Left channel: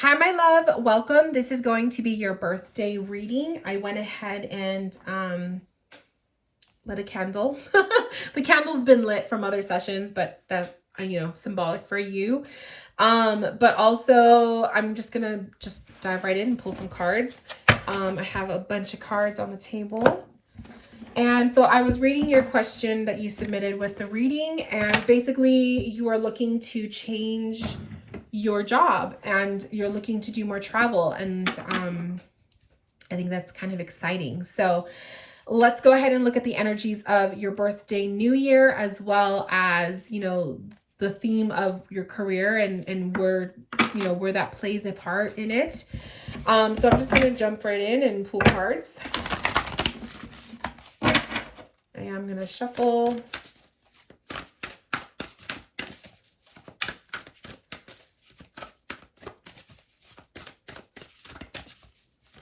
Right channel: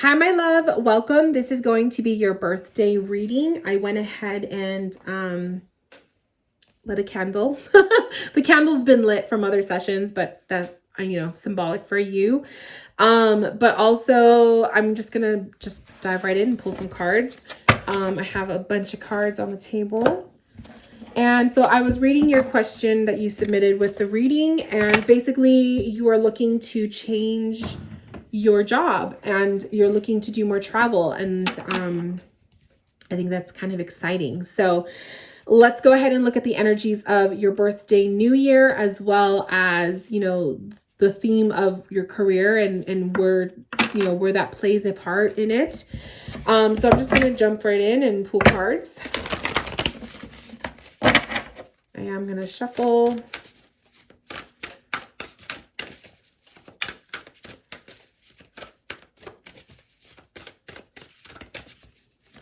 Hi, my love. Welcome. This is going to be your birthday reading. I went ahead and lit a candle. The candle's been lit from other sessions, but that, symbolic for you. But also I'm just gonna dive right in and pull some cards. I have a bunch of cards on the table. And so I was reading your question that you submitted with the reading, and basically you are looking to change your job and you're looking to do more travel, and I think that's kind of exciting. So let's go ahead and look at the energies of your birthday, new year, as well as, the theme of your career and where, where that plays a part in it. So I'm just going to jump right in and pull cards. I am going to shuffle.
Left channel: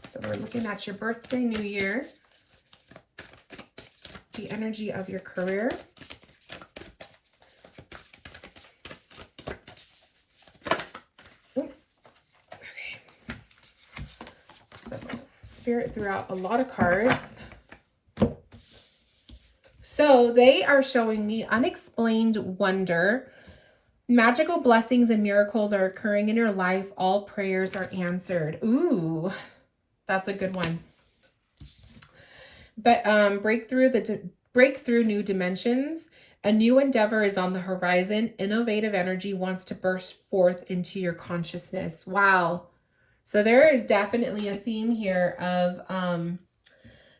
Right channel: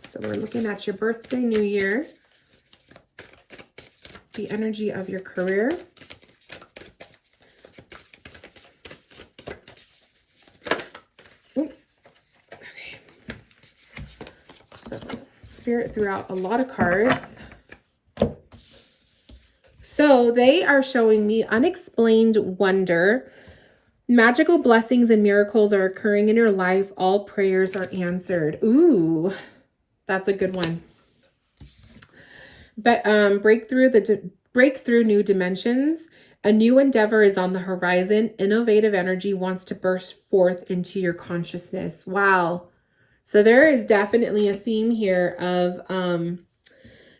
So we're looking at your birthday, new year, the energy of your career. Okay. So Spirit threw out a lot of cards. So they are showing me unexplained wonder. Magical blessings and miracles are occurring in your life. All prayers are answered. Ooh, that's a good one. But break through new dimensions. A new endeavor is on the horizon. Innovative energy wants to burst forth into your consciousness. Wow. So there is definitely a theme here of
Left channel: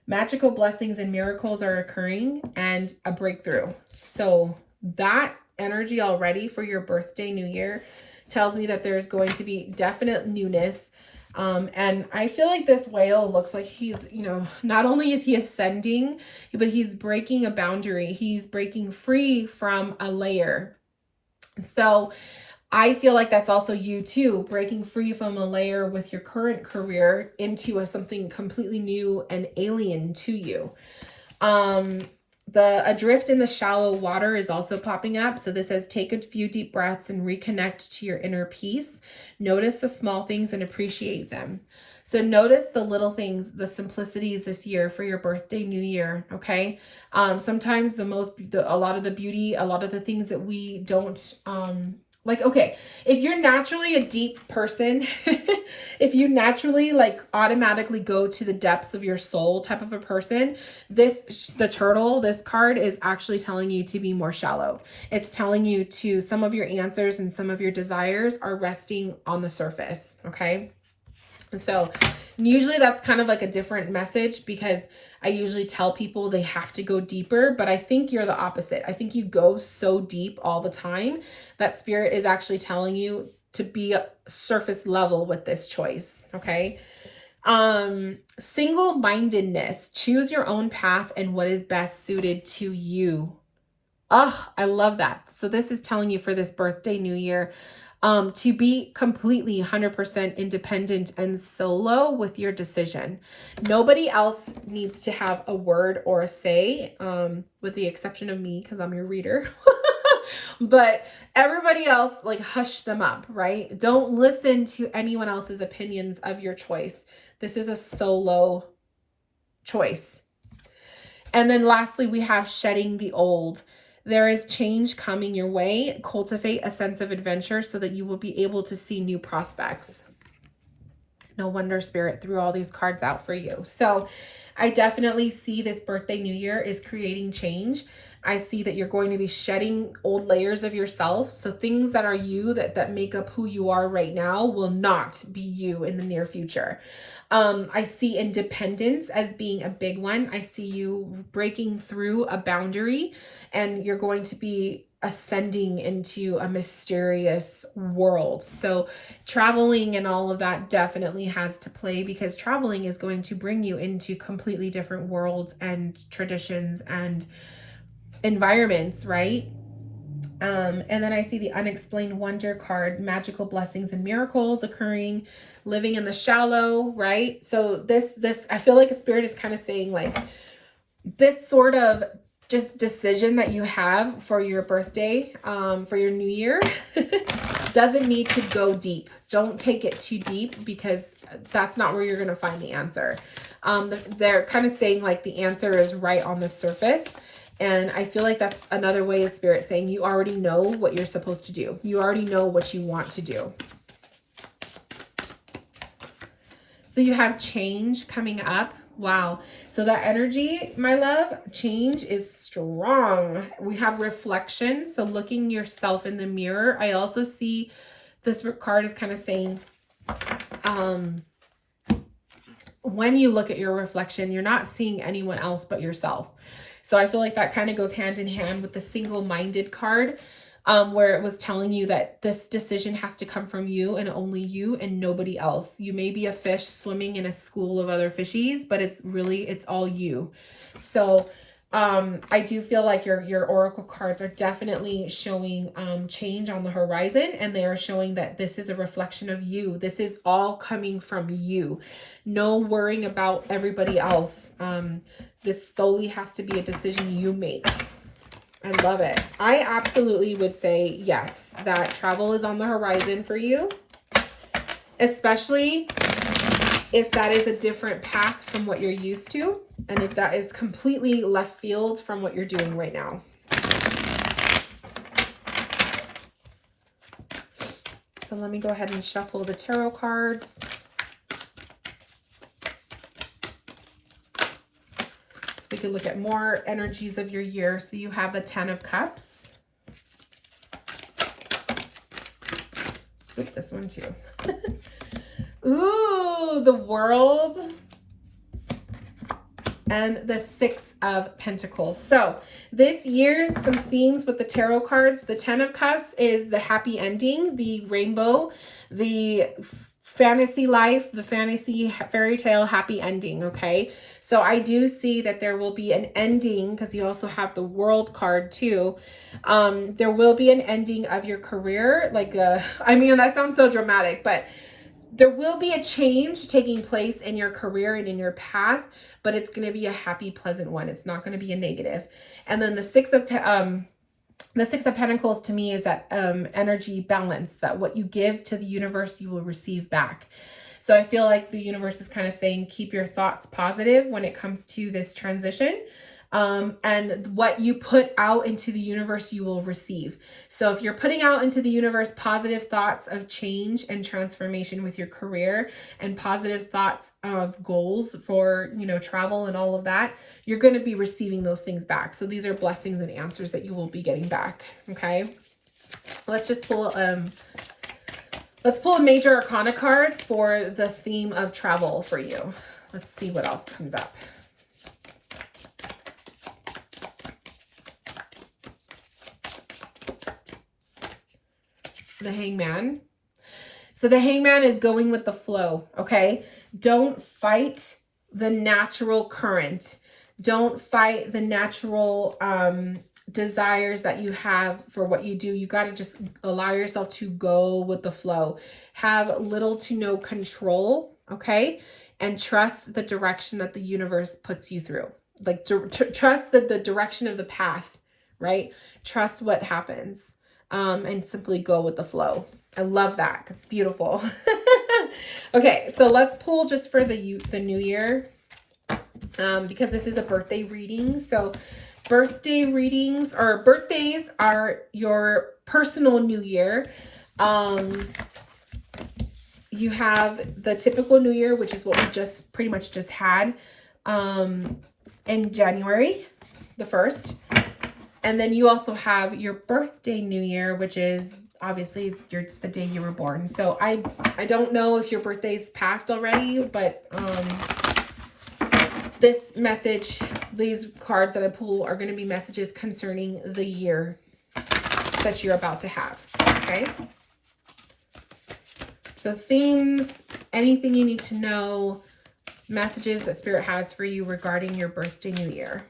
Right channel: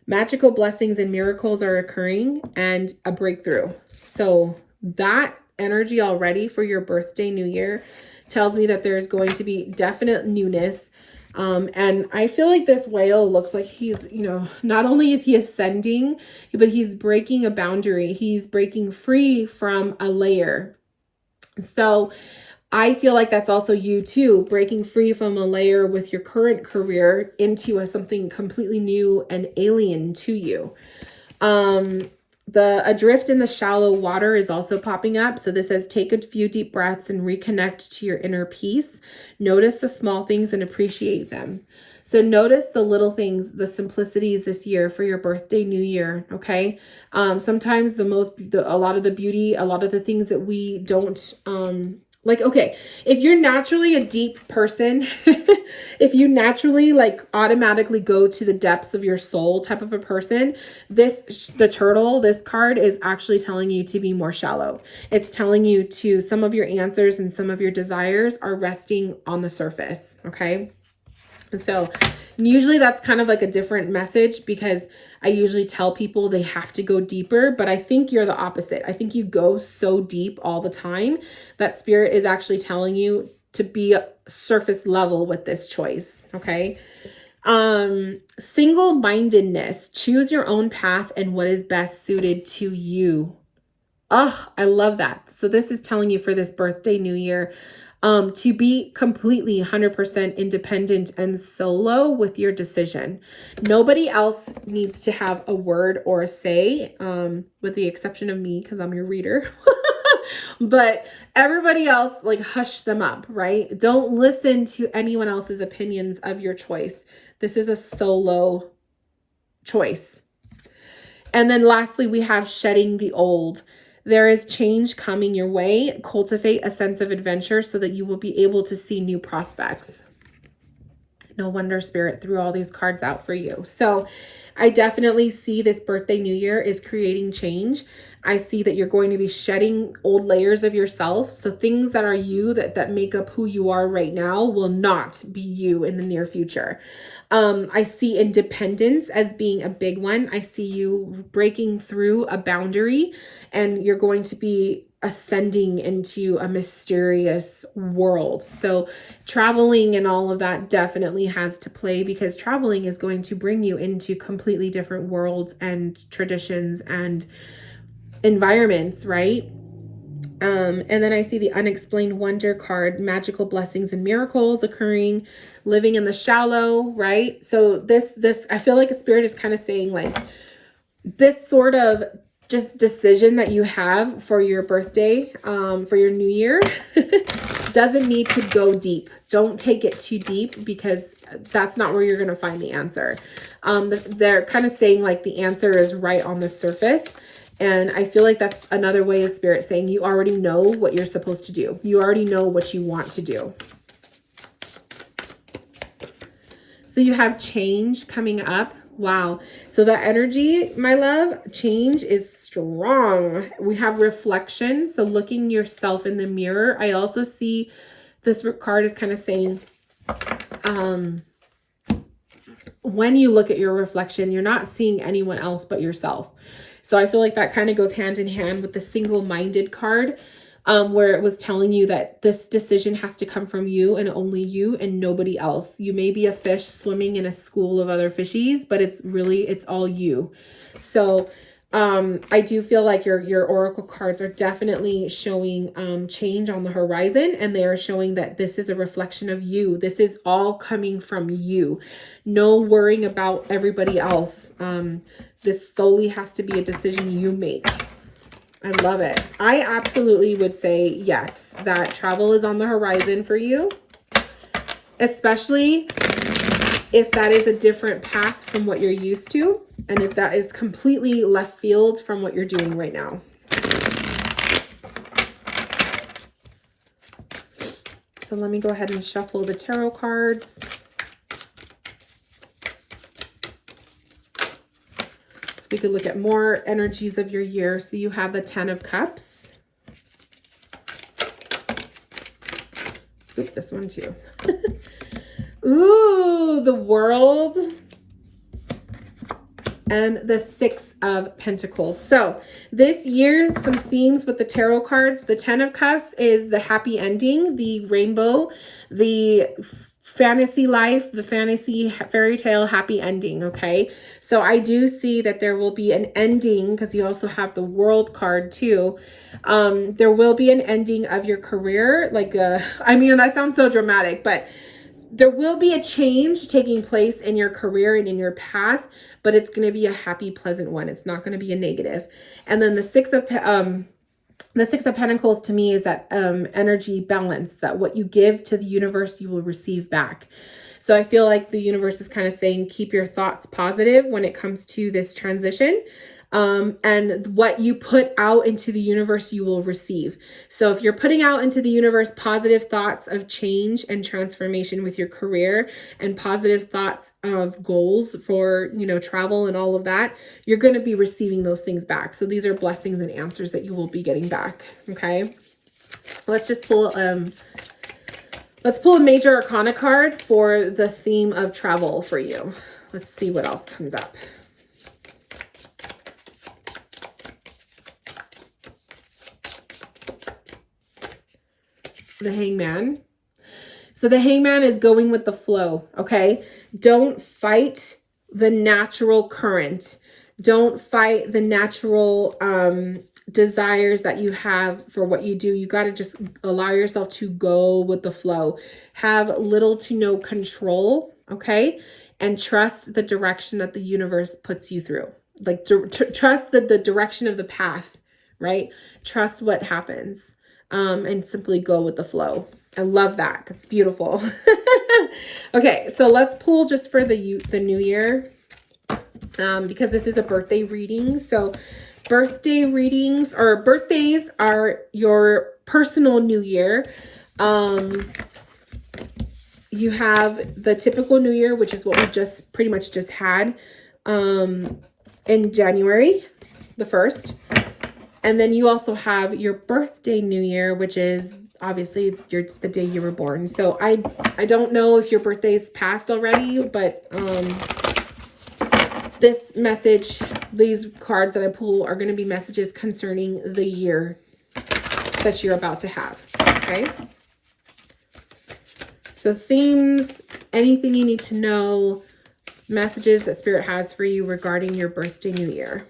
magical blessings and miracles are occurring and a breakthrough. So that energy already for your birthday, new year, tells me that there's going to be definite newness. And I feel like this whale looks like he's, not only is he ascending, but he's breaking a boundary. He's breaking free from a layer. So I feel like that's also you too, breaking free from a layer with your current career into something completely new and alien to you. The adrift in the shallow water is also popping up. So this says, take a few deep breaths and reconnect to your inner peace. Notice the small things and appreciate them. So notice the little things, the simplicities this year for your birthday, new year. Okay. Sometimes a lot of the beauty, a lot of the things that we don't, okay, if you're naturally a deep person, if you naturally automatically go to the depths of your soul type of a person, the turtle, this card is actually telling you to be more shallow. It's telling you to, some of your answers and some of your desires are resting on the surface. Okay. So usually that's kind of like a different message, because I usually tell people they have to go deeper, but I think you're the opposite. I think you go so deep all the time that Spirit is actually telling you to be surface level with this choice. Okay. Single-mindedness, choose your own path and what is best suited to you. Oh, I love that. So this is telling you for this birthday, new year, to be completely 100% independent and solo with your decision. Nobody else needs to have a word or a say, with the exception of me, because I'm your reader. But everybody else, hush them up, right? Don't listen to anyone else's opinions of your choice. This is a solo choice. And then lastly, we have shedding the old. There is change coming your way. Cultivate a sense of adventure so that you will be able to see new prospects. No wonder Spirit threw all these cards out for you. So I definitely see this birthday, new year is creating change. I see that you're going to be shedding old layers of yourself. So things that are you, that make up who you are right now, will not be you in the near future. I see independence as being a big one. I see you breaking through a boundary, and you're going to be ascending into a mysterious world. So traveling and all of that definitely has to play, because traveling is going to bring you into completely different worlds and traditions and environments, right? And then I see the unexplained wonder card, magical blessings and miracles occurring, living in the shallow, right? So this, I feel like a Spirit is kind of saying this sort of just decision that you have for your birthday, for your new year, doesn't need to go deep. Don't take it too deep, because that's not where you're going to find the answer. They're kind of saying like the answer is right on the surface. And I feel like that's another way of Spirit saying you already know what you're supposed to do. You already know what you want to do. So you have change coming up. Wow. So that energy, my love, change is strong. We have reflection. So looking yourself in the mirror. I also see this card is kind of saying, when you look at your reflection, you're not seeing anyone else but yourself. So I feel like that kind of goes hand in hand with the single-minded card, where it was telling you that this decision has to come from you and only you and nobody else. You may be a fish swimming in a school of other fishies, but it's all you. So I do feel like your oracle cards are definitely showing change on the horizon, and they are showing that this is a reflection of you. This is all coming from you. No worrying about everybody else. This solely has to be a decision you make. I love it. I absolutely would say yes, that travel is on the horizon for you, especially if that is a different path from what you're used to, and if that is completely left field from what you're doing right now. So let me go ahead and shuffle the tarot cards. So we could look at more energies of your year. So you have the 10 of Cups. Oop, this one too. Ooh, the World. And the 6 of Pentacles. So this year, some themes with the tarot cards. The 10 of Cups is the happy ending, the rainbow, the fantasy life, the fantasy fairy tale happy ending, okay? So I do see that there will be an ending, because you also have the World card too. There will be an ending of your career. I mean, that sounds so dramatic, but there will be a change taking place in your career and in your path, but it's going to be a happy, pleasant one. It's not going to be a negative. And then the 6 of Pentacles to me is that energy balance, that what you give to the universe, you will receive back. So I feel like the universe is kind of saying, keep your thoughts positive when it comes to this transition. And what you put out into the universe, you will receive. So if you're putting out into the universe positive thoughts of change and transformation with your career, and positive thoughts of goals for, travel and all of that, you're going to be receiving those things back. So these are blessings and answers that you will be getting back. Okay. Let's just pull, let's pull a major arcana card for the theme of travel for you. Let's see what else comes up. The Hangman. So the Hangman is going with the flow, okay? Don't fight the natural current. Don't fight the natural desires that you have for what you do. You got to just allow yourself to go with the flow. Have little to no control, okay? And trust the direction that the universe puts you through. Like, trust the direction of the path, right? Trust what happens. And simply go with the flow. I love that. That's beautiful. Okay, so let's pull just for the new year, because this is a birthday reading. So birthday readings, or birthdays, are your personal new year. You have the typical new year, which is what we just pretty much just had in January the 1st. And then you also have your birthday new year, which is obviously the day you were born. So I don't know if your birthday's passed already, but this message, these cards that I pull, are going to be messages concerning the year that you're about to have. Okay. So themes, anything you need to know, messages that Spirit has for you regarding your birthday new year.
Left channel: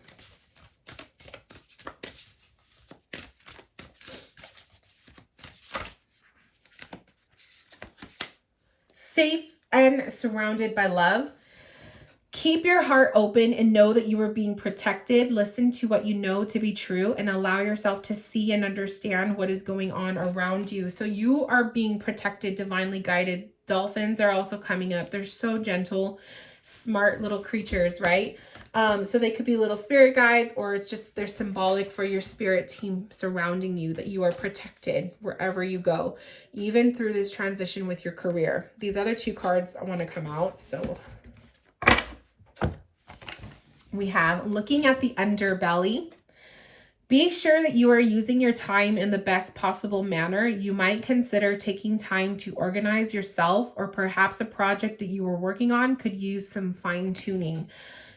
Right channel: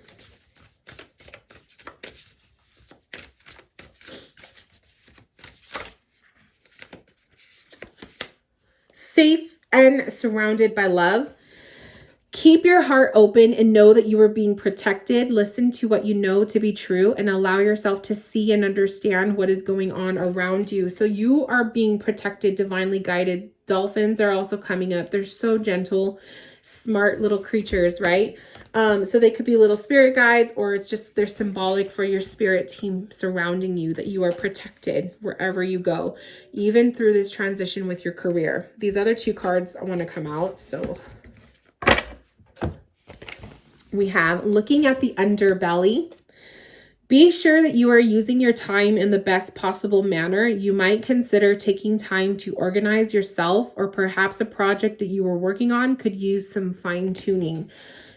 Safe and surrounded by love. Keep your heart open and know that you are being protected. Listen to what you know to be true and allow yourself to see and understand what is going on around you. So you are being protected, divinely guided. Dolphins are also coming up. They're so gentle, smart little creatures, right? So they could be little spirit guides, or it's just they're symbolic for your spirit team surrounding you, that you are protected wherever you go, even through this transition with your career. These other two cards I want to come out. So we have looking at the underbelly. Be sure that you are using your time in the best possible manner. You might consider taking time to organize yourself, or perhaps a project that you were working on could use some fine tuning.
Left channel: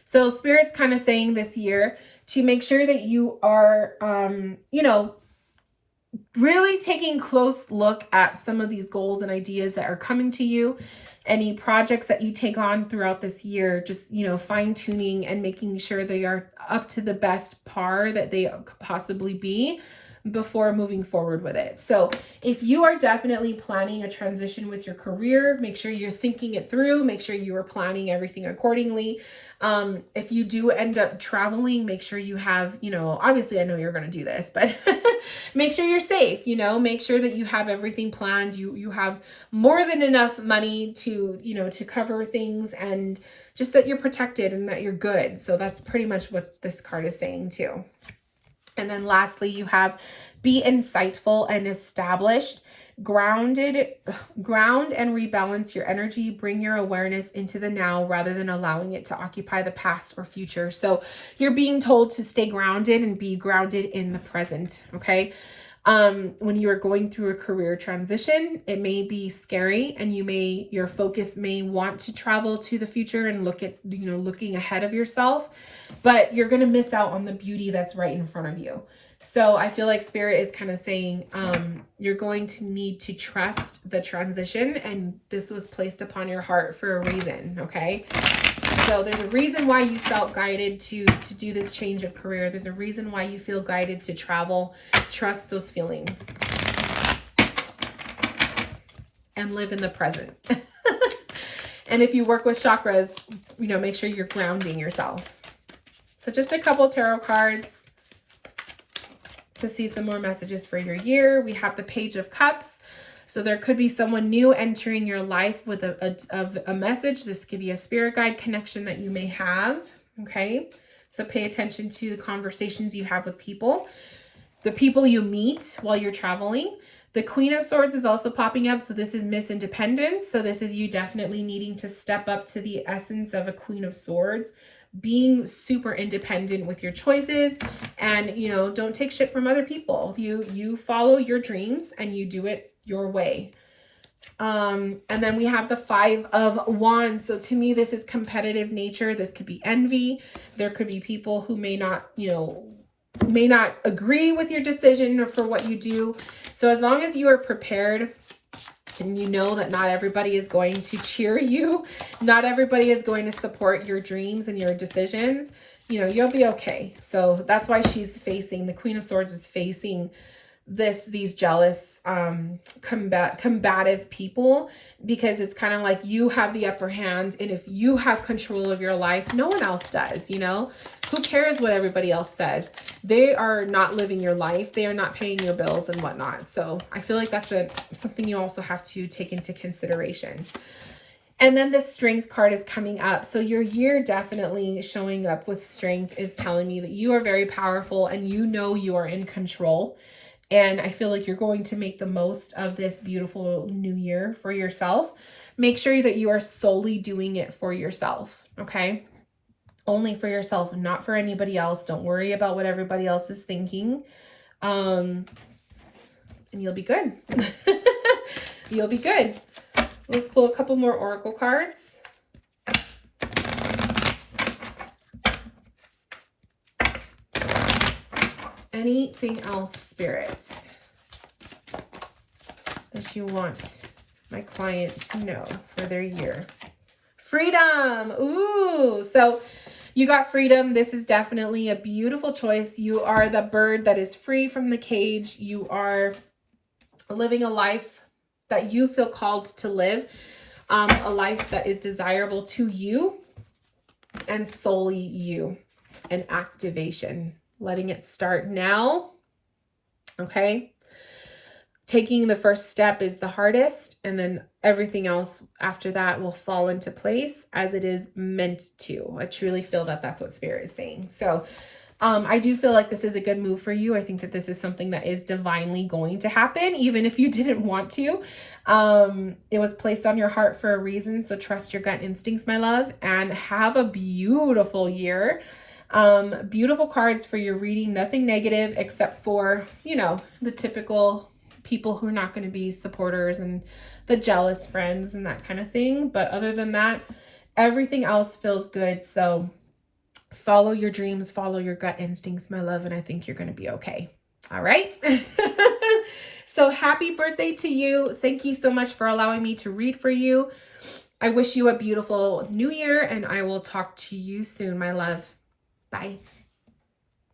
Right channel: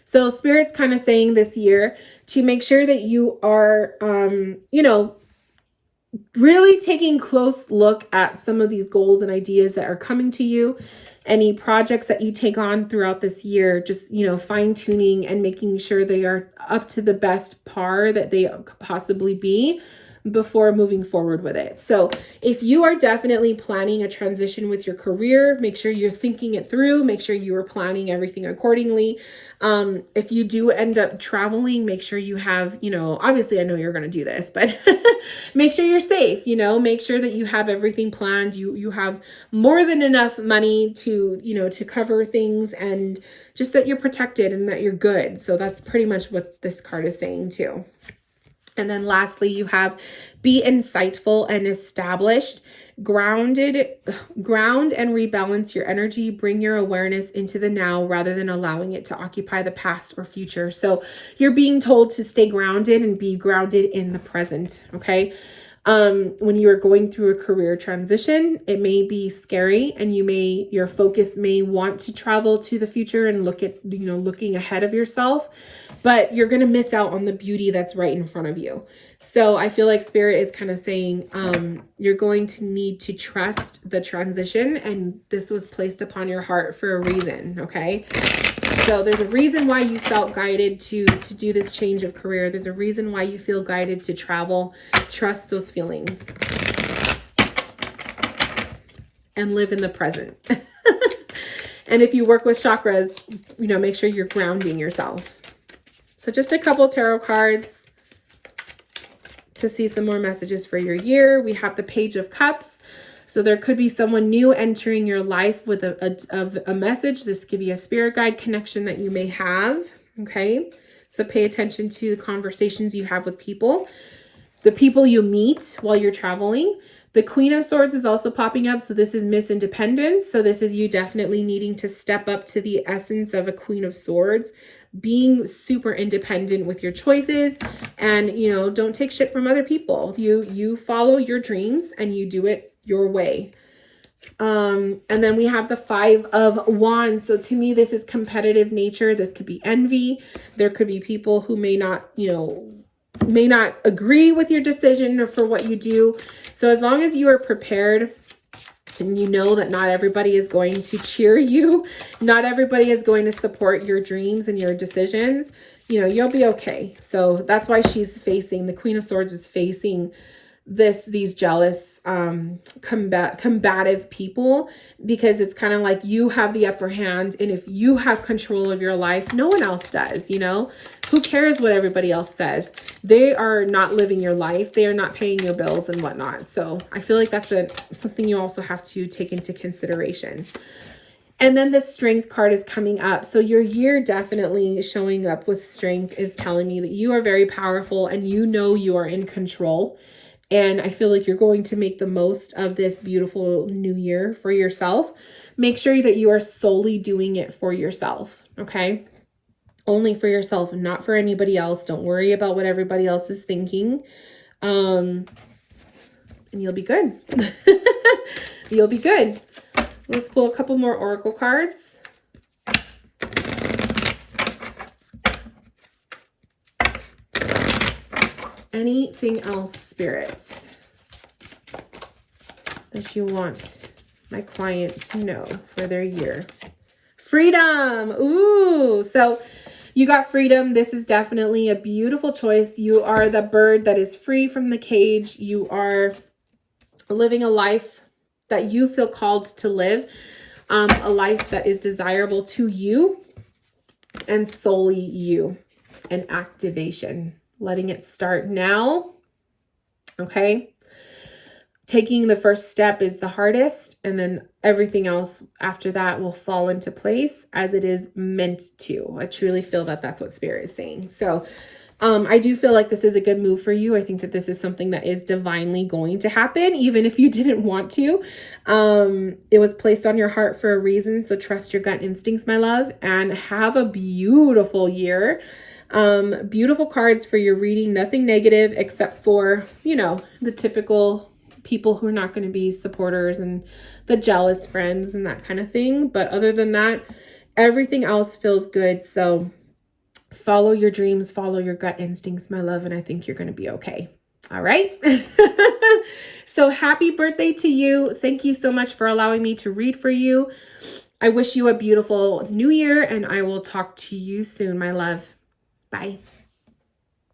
So Spirit's kind of saying this year to make sure that you are, really taking a close look at some of these goals and ideas that are coming to you. Any projects that you take on throughout this year, just, fine tuning and making sure they are up to the best par that they could possibly be before moving forward with it. So if you are definitely planning a transition with your career, make sure you're thinking it through, make sure you are planning everything accordingly. If you do end up traveling, make sure you have, obviously I know you're going to do this, but make sure you're safe, make sure that you have everything planned. You have more than enough money to, to cover things, and just that you're protected and that you're good. So that's pretty much what this card is saying too. And then lastly, you have be insightful and established, ground and rebalance your energy, bring your awareness into the now rather than allowing it to occupy the past or future. So you're being told to stay grounded and be grounded in the present. Okay. When you are going through a career transition, it may be scary, and your focus may want to travel to the future and look at, looking ahead of yourself, but you're going to miss out on the beauty that's right in front of you. So I feel like Spirit is kind of saying, you're going to need to trust the transition, and this was placed upon your heart for a reason. Okay. So there's a reason why you felt guided to do this change of career. There's a reason why you feel guided to travel. Trust those feelings and live in the present. And if you work with chakras, make sure you're grounding yourself. So just a couple tarot cards to see some more messages for your year. We have the Page of Cups. So there could be someone new entering your life with a message. This could be a spirit guide connection that you may have. Okay. So pay attention to the conversations you have with people, the people you meet while you're traveling. The Queen of Swords is also popping up. So this is Miss Independence. So this is you definitely needing to step up to the essence of a Queen of Swords, being super independent with your choices, and, don't take shit from other people. You follow your dreams and you do it your way. And then we have the Five of Wands. So to me, this is competitive nature. This could be envy. There could be people who may not agree with your decision or for what you do. So as long as you are prepared and you know that not everybody is going to cheer you, not everybody is going to support your dreams and your decisions, you'll be okay. So that's why the Queen of Swords is facing these jealous, combative people, because it's kind of like you have the upper hand, and if you have control of your life, no one else does. Who cares what everybody else says? They are not living your life. They are not paying your bills and whatnot. So I feel like that's something you also have to take into consideration. And then the Strength card is coming up. So your year definitely showing up with strength is telling me that you are very powerful and you are in control. And I feel like you're going to make the most of this beautiful new year for yourself. Make sure that you are solely doing it for yourself, okay? Only for yourself, not for anybody else. Don't worry about what everybody else is thinking. And you'll be good. You'll be good. Let's pull a couple more oracle cards. Anything else, spirits, that you want my client to know for their year? Freedom. Ooh, so you got freedom. This is definitely a beautiful choice. You are the bird that is free from the cage. You are living a life that you feel called to live, a life that is desirable to you. and solely you, and activation, letting it start now. Okay. Taking the first step is the hardest, and then everything else after that will fall into place as it is meant to. I truly feel that that's what Spirit is saying. So I do feel like this is a good move for you. I think that this is something that is divinely going to happen, even if you didn't want to. It was placed on your heart for a reason. So trust your gut instincts, my love, and have a beautiful year. Beautiful cards for your reading. Nothing negative except for, you know, the typical people who are not going to be supporters and the jealous friends and that kind of thing. But other than that, everything else feels good. So follow your dreams, follow your gut instincts, my love, and I think you're going to be okay. All right. So happy birthday to you. Thank you so much for allowing me to read for you. I wish you a beautiful new year, and I will talk to you soon, my love. Bye.